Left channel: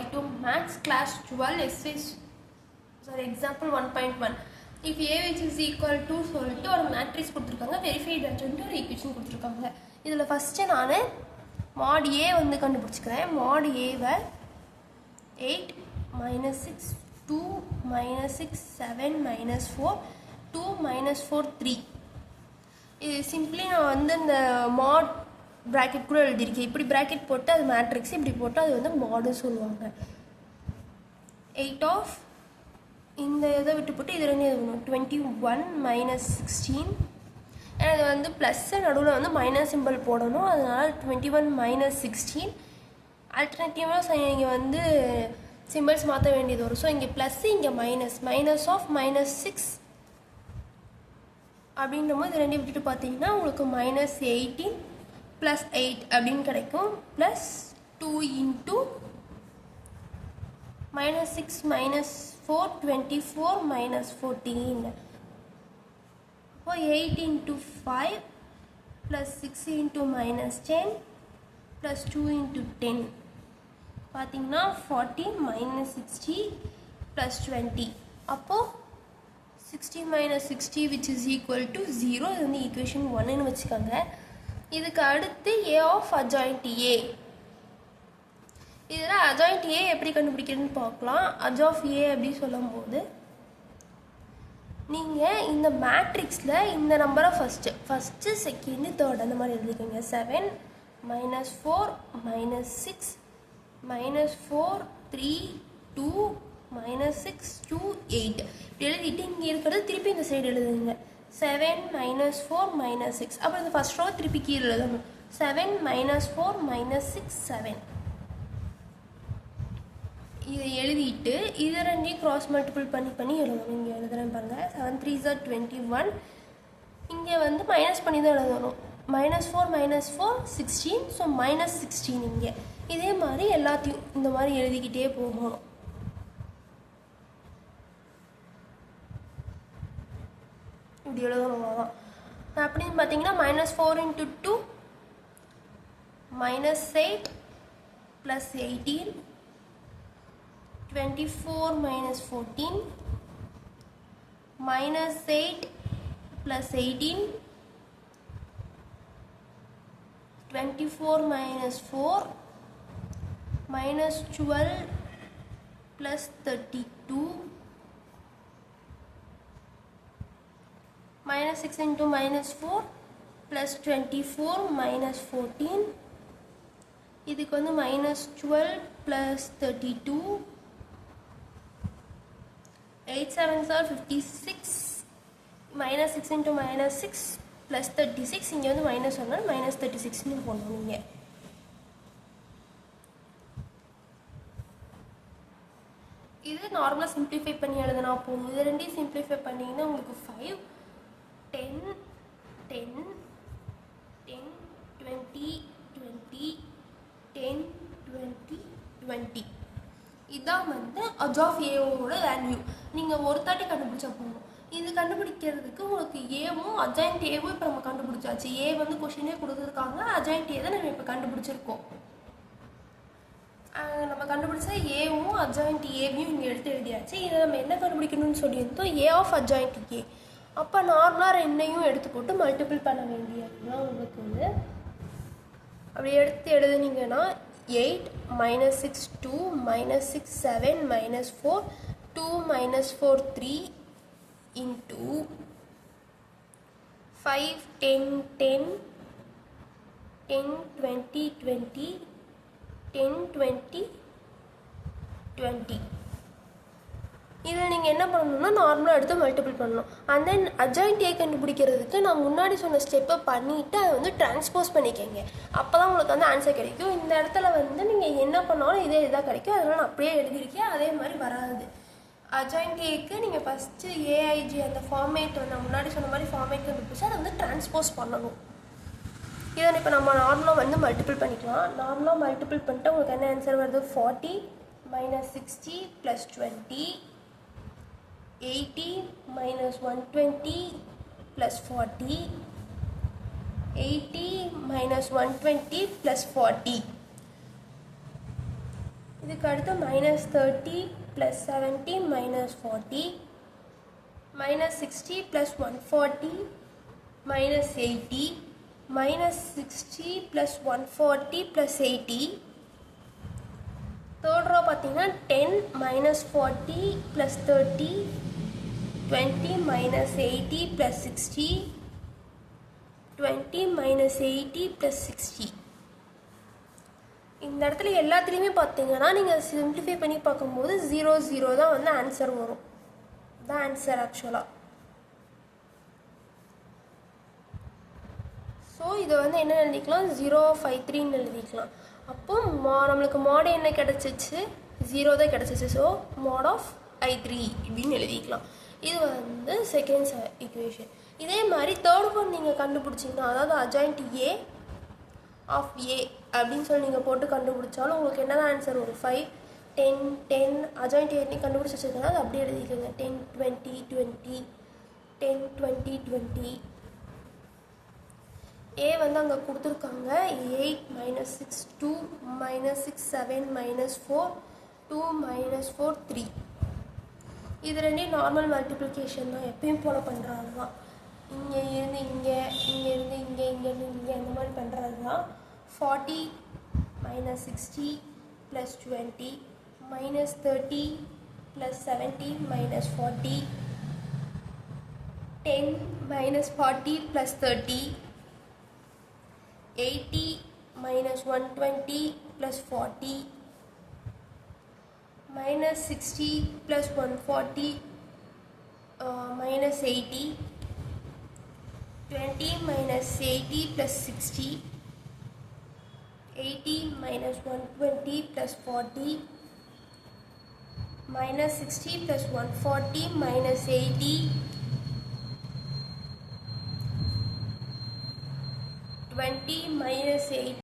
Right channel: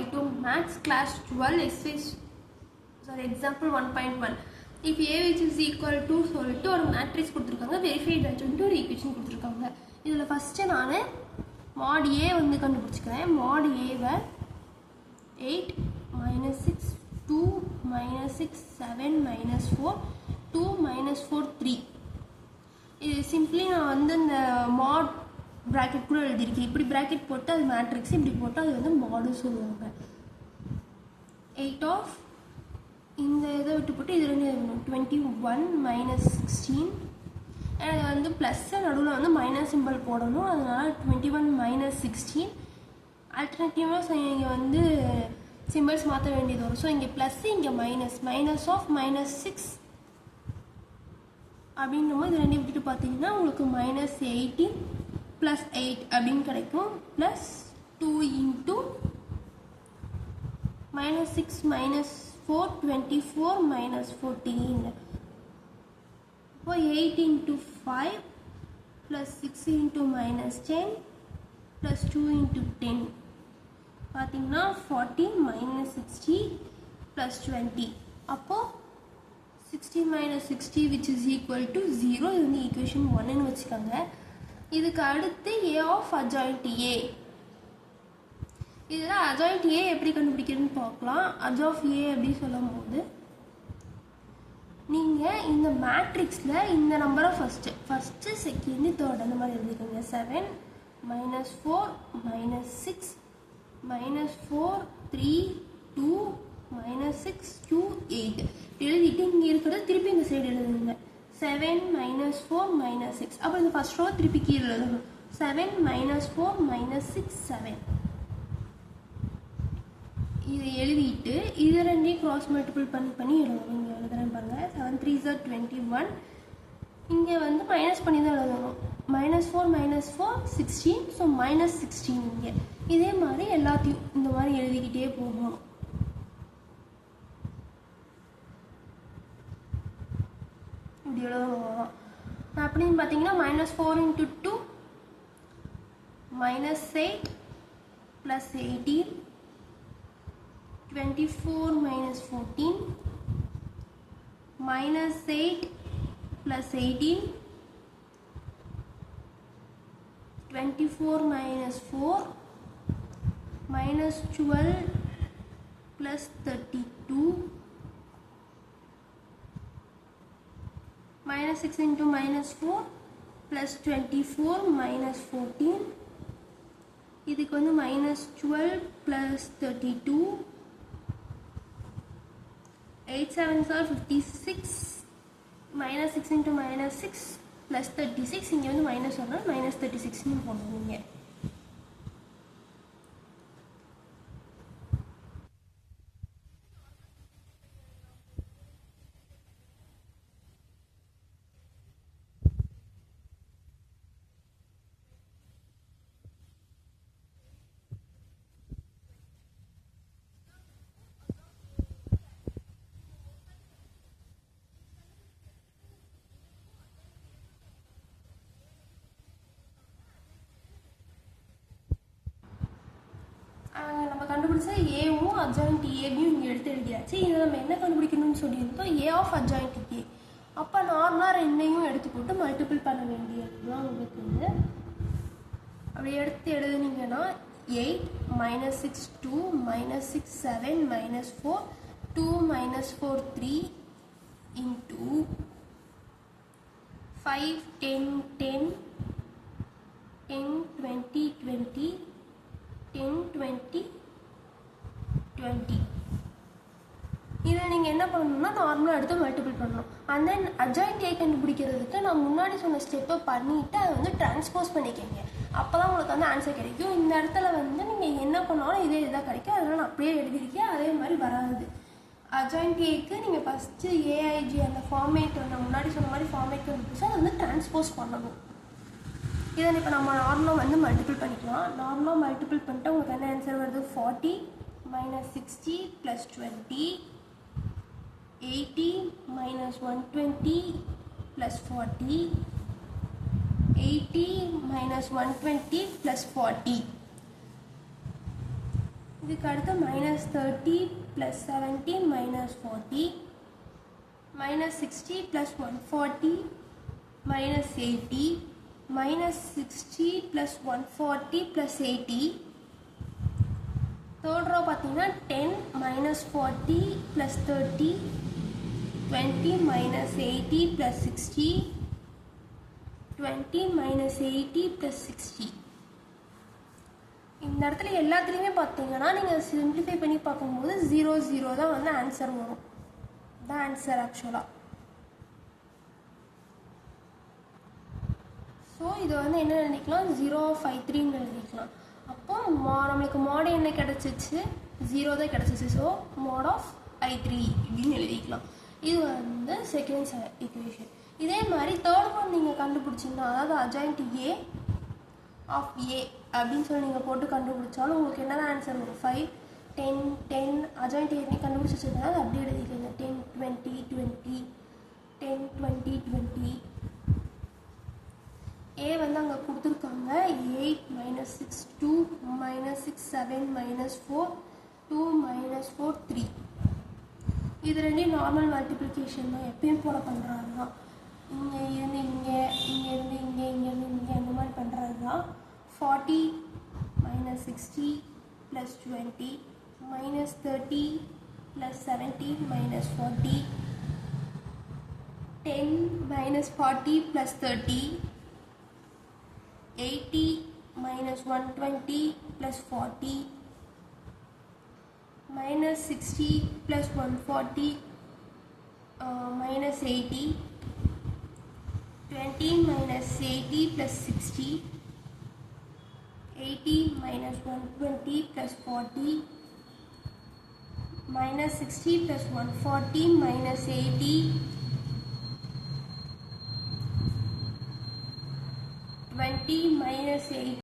y2 max class 12 example 1.1. If A which is equal to சொல்லிட்டு ஒரு matrix கொடுத்துருக்காங்க, verified ஆச்சுன்ட்டு ஒரு ஈக்குவேஷன் கொடுத்துருக்காங்க. இதில் ஃபஸ்ட்டு நான் mod A வந்து கண்டுபிடிச்சிக்கிறேன். mod Aவை 8 minus 6 2 minus 6 7 minus 4 2 minus 4 3. இது சிம்பிளி நான் வந்து இந்த mod ப்ராக்கெட் கூட எழுதியிருக்கேன். இப்படி ப்ராக்கெட் போட்டு அது மேட்ரிக்ஸ், இப்படி போட்டு அது வந்து மாடு சொல்லுவாங்க. 8 of இந்த இதை விட்டு போட்டு இது ரெண்டு 21 minus 16. இது வந்து ப்ளஸ் நடுவில் வந்து மைனஸ் சிம்பிள் போடணும், அதனால் 21 minus 16. ஆல்டர்னேட்டிவாக இங்கே வந்து சிம்பிள்ஸ் மாற்ற வேண்டியது வரும். ஸோ இங்கே ப்ளஸ் இங்கே மைனஸ், மைனஸ் ஆஃப் மைனஸ் 6 அப்படின்ற போது ரெண்டு விட்டுட்டு பார்த்தீங்கன்னா உங்களுக்கு மைனஸ் 18 ப்ளஸ் 8 அப்படின்னு கிடைக்கும். Plus 2 into minus 6 minus 4 24 minus 14. So 8 into 5 plus 6 into minus 10 plus 2 into 10. பார்த்தீங்கன்னா 40 minus 60 plus 20. அப்போ 60 minus 60 which is equal to 0. இது வந்து equation 1 வச்சுக்கோங்க. இதுக்கு அடுத்து A of adjoint A. இதில் adjoint A எப்படி கண்டுபிடிக்கிறதுன்னு பார்க்கலாம். adj of A அப்படி சொல்லும் போது நீங்கள் இந்த மேட்ரிக்ஸில் இந்த நம்பரை ஃபஸ்ட்டு செகண்டு தேர்ட் அந்த மாதிரி எழுதிக்கோங்க. 7 minus 4 minus 6 minus 4 3 2 minus 6 2 8 இப்படி எழுதிட்டு இங்கே இருக்கிறது திருப்பி இந்த சைடு எழுதுங்க. 7 minus 4 minus 6. அப்போ இந்த ஃபஸ்ட் ரோ திருப்பி கீழே எழுதணும். 7 minus 4 minus 6 7. இதை எழுதிட்டு இது ரெண்டையும் க்ராஸ் மல்டிபிள் பண்ணி எழுதணும். இங்கே எழுதுறேன் பாருங்கள். 7 3s are 21. இங்கே வந்து மைனஸ் பண்ணி தான் எழுதணும். minus 4 minus 4 16. ஸோ minus 16 இங்கே. இதே மாதிரி எல்லாத்தையும் இந்த மாதிரி எழுதிக்கிட்டே போகணும். இப்படி எழுதணும். அப்படின்னு பார்த்தீங்கன்னா minus 4 into 2 minus 8 plus 18 24 minus 14 minus 8 plus 18 24 minus 4 minus 12 plus 32 minus 6 into minus 4 plus 24 minus 14. இதுக்கு வந்து minus 12 plus 32 8 7s are 56 minus 6 into minus 6 plus 36. இங்கே வந்து மைனஸ் வரணும், minus 36ன்னு போடணும். நீங்கள் இது நார்மலாக சிம்பிளிஃபை பண்ணி எழுதுனா போதும். இது ரெண்டையும் சிம்பிளிஃபை பண்ணிங்கன்னா உங்களுக்கு 5 10 10 10 20 20 10 20 20. இதான் வந்து adj of Aவோட வேல்யூ. நீங்கள் ஒரு தாட்டி கண்டுபிடிச்சா போகணும். இது கண்டுபிடிக்கிறதுக்கு உங்களுக்கு ஏவும் adjoint Aவும் இப்போ நம்ம கண்டுபிடிச்சாச்சு. ஏ வந்து கொஷினே கொடுத்துருக்காங்க, adjoint A தான் நம்ம இப்போ கண்டுபிடிச்சிருக்கோம். நம்ம கண்டுபிடிச்ச ஏவும் adjoint Aவையும் இங்கே எடுத்து எழுதியாச்சு. இதை நம்ம என்ன கண்டுபிடிக்கணும்னு சொல்லியிருந்தோம், A of adjoint A. அப்போ நார்மலாக ரெண்டையும் எடுத்து போட்டு மல்டிபிள் பண்ண வேண்டியதுதான் உங்களுக்கு வந்து. அப்படி எடுத்து எழுதுனீங்கன்னா 8 minus 6 2 minus 6 7 minus 4 2 minus 4 3 into 5 10 10 10 20 20 10 20 20. இதில் நீங்கள் என்ன பண்ணணும்னா நார்மலாக எடுத்து மல்டிபிள் பண்ணணும். அண்ட் தென் adjoint A கண்டுபிடிக்கிறதுக்கு நான் முன்னாடி சொன்ன ஸ்டெப்பை பண்ணிவிட்டு அதை வந்து டிரான்ஸ்போஸ் பண்ணிக்கோங்க. அப்போ தான் உங்களுக்கு வந்து ஆன்சர் கிடைக்கும். இந்த இடத்துல வந்து நீங்கள் என்ன பண்ணாலும் இதே இதாக கிடைக்கும். அதனால் நான் அப்படியே எழுதியிருக்கேன், அதே மாதிரி வராது. adjoint Aக்கு நீங்கள் ஃபஸ்ட்டு ஏஐஜி அந்த ஃபார்மேட் நான் முன்னாடி சொன்ன மாதிரி ஃபார்மேட் கண்டுபிடிச்சா அதை வந்து டிரான்ஸ்போஸ் பண்ணணும். இதை இப்போ நம்ம நார்மலாக வந்து மல்டிபிள் பண்ணிக்கலாம். நார்மலாக மல்டிபிள் பண்ணிட்டு உங்களுக்கு என்ன ஆன்சர் வருது, 40 minus 60 plus 20 80 minus 120 plus 40 80 minus 120 plus 40. இதுக்கு அடுத்து -30 + 17 -40 -60 + 140 -80 -60 + 140 + 80. தேர்ட் ரோ பார்த்தீங்கன்னா 10 -40 + 30 20 -80 + 60 20 -80 + 60. இந்த இடத்துல எல்லாத்துலேயுமே பார்த்தீங்கன்னா நீங்கள் சிம்பிளிஃபை பண்ணி பார்க்கும்போது 0 0 தான் வந்து ஆன்சர் வரும். தான் ஆன்சர் ஆக்சுவலாக. ஸோ இதை வந்து என்ன எழுதிக்கலாம், 053ன்னு எழுதிக்கலாம். அப்போ நம்மளுக்கு mod என்ன கிடச்சிச்சு, 0 தான் கிடச்சிச்சு. ஸோ mod of I3 இப்படின்னு எழுதிக்கலாம். இது வந்து செகண்ட் ஈக்குவேஷன். இதே மாதிரி தேர்ட் ஒன் நீங்கள் கண்டுபிடிச்சிங்கன்னா, அதாவது adjoint A of A அப்படின்னு சொல்லி நீங்கள் போட்டு கண்டுபிடிச்சாலும் உங்களுக்கு என்ன தான் ஆன்சர் வரும், 5 10 10 adjoint A கண்டுபிடிச்சி வச்சுருந்தா அது அப்படியே எழுதிக்கோங்க. 10 20 20 10 20 20. A வந்து அங்கே கொடுத்துருக்காங்க 8 -6 2 -6 7 -4 2 -4 3. இது ரெண்டையும் நார்மல் மல்டிப்ளிகேஷன் தான், எப்பயும் போல் பண்ணுறது தான். இங்கே இருந்து இங்கே, இங்கே இருந்து இங்கே, இங்கேருந்து இங்கே, அந்த மாதிரி பண்ணுறது தான். 40 -60 + 20 -30 + 17 -40 10 -40 + 30 80 -120 + 40 -60 + 140 -80 20 -80 + 60 80 -120 + 40 -60 + 140 -80 20 -80